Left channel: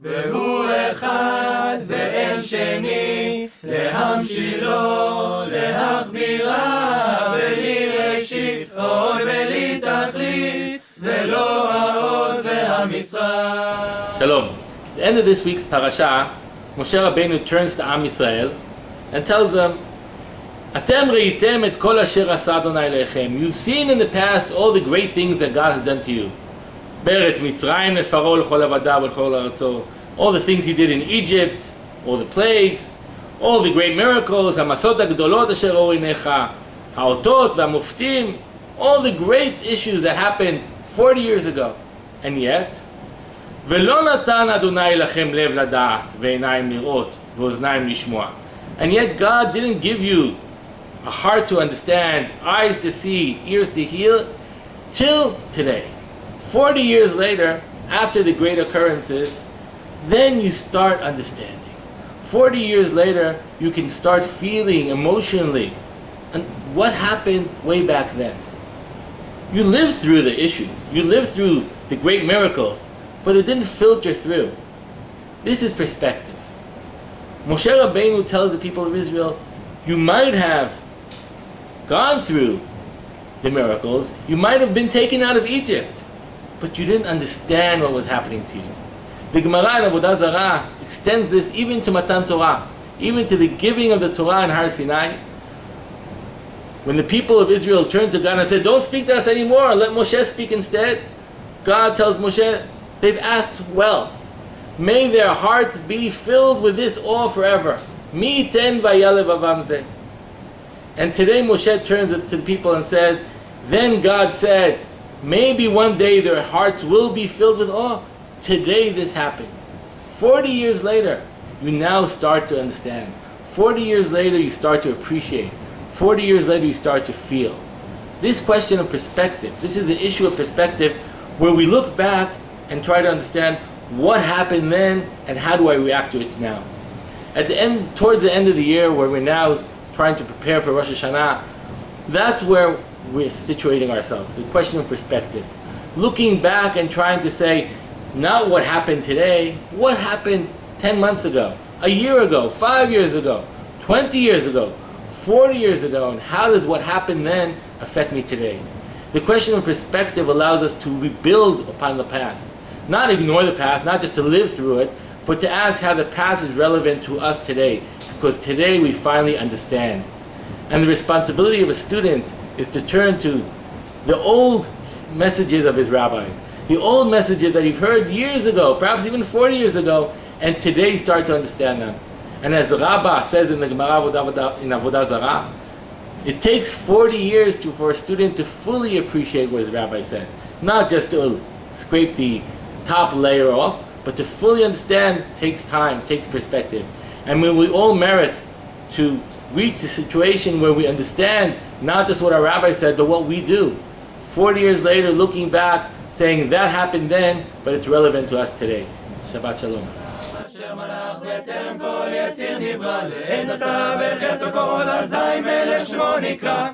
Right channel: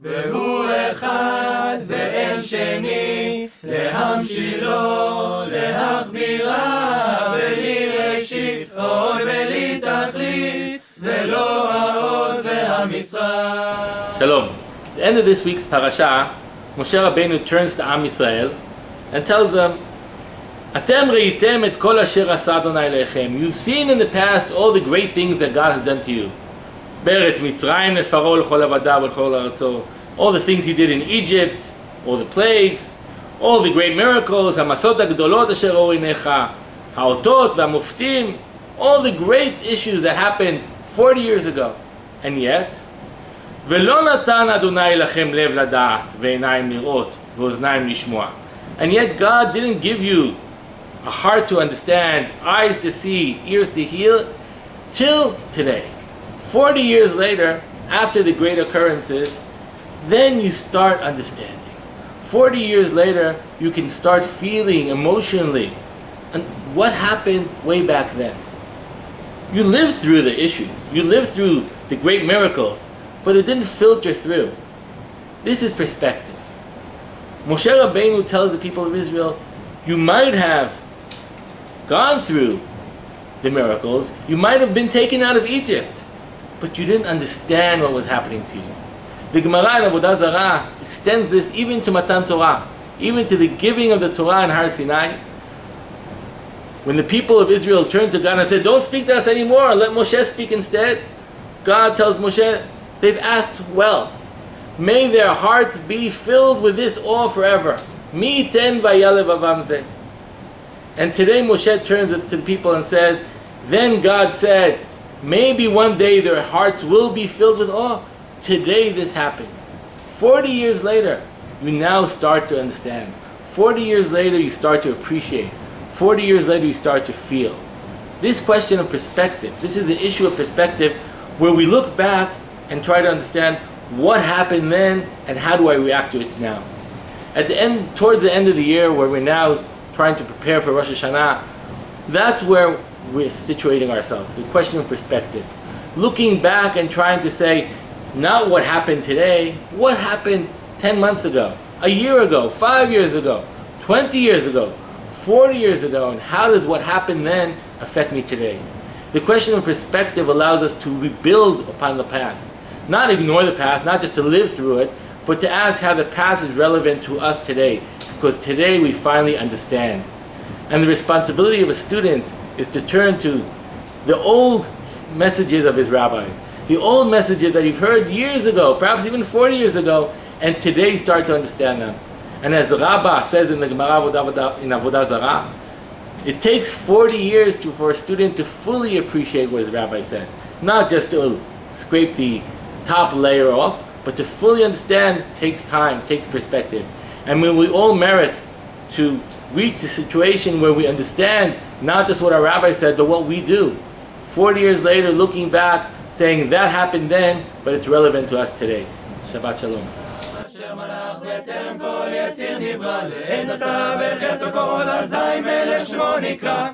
והוא אחד ואין שני, להמשילו, להכבירה, בלי ראשית, עוד בלי תכלית, ולא העוז והמשרה. Shalom. At the end of this week's parasha, Moshe Rabbeinu turns to Am Yisrael and tells them, Atem reitem et kol asher asa Adonai lechem. You've seen in the past all the great things that God has done to you. Beretz Mitzrayim lefaro l'chol avadav v'chol aratzo. All the things he did in Egypt, all the plagues, all the great miracles, hamasot hagdolot asher oru einecha, haotot v'hamuftim, all the great issues that happened 40 years ago. And yet, ולא נתן אדוני לכם לב לדעת ועיניים לראות ואוזניים לשמוע. And yet God didn't give you a heart to understand, eyes to see, ears to hear, till today. 40 years later, after the great occurrences, then you start understanding. 40 years later, you can start feeling emotionally and what happened way back then. You lived through the issues, you lived through the great miracles, but it didn't filter through. This is perspective. Moshe Rabbeinu tells the people of Israel, you might have gone through the miracles, you might have been taken out of Egypt, but you didn't understand what was happening to you. The Gemara in Avodah Zarah extends this even to Matan Torah, even to the giving of the Torah in Har Sinai. When the people of Israel turned to God and said, don't speak to us anymore, let Moshe speak instead, God tells Moshe, they've asked well. May their hearts be filled with this awe forever. Mi ten vayalev avam zeh. And today Moshe turns to the people and says, then God said, maybe one day their hearts will be filled with awe. Today this happened. 40 years later, you now start to understand. 40 years later, you start to appreciate. 40 years later, you start to feel. This question of perspective, this is an issue of perspective where we look back and try to understand what happened then and how do I react to it now. At the end, towards the end of the year, where we're now trying to prepare for Rosh Hashanah, that's where we're situating ourselves, the question of perspective. Looking back and trying to say, not what happened today, what happened 10 months ago, a year ago, 5 years ago, 20 years ago, 40 years ago, and how does what happened then affect me today? The question of perspective allows us to rebuild upon the past. Not ignore the past, not just to live through it, but to ask how the past is relevant to us today, because today we finally understand. And the responsibility of a student is to turn to the old messages of his rabbis, the old messages that you've heard years ago, perhaps even 40 years ago, and today start to understand them. And as the Rabbah says in the Gemara in Avodah Zarah, it takes 40 years for a student to fully appreciate what his rabbi said. Not just to scrape the top layer off, but to fully understand takes time, takes perspective. And when we all merit to reach a situation where we understand not just what our rabbi said, but what we do. 40 years later, looking back, saying that happened then, but it's relevant to us today. Shabbat Shalom. אשר מלך בטרם כל יציר נברא, לעין עשה בחפצו כל אזי מלך שמו נקרא.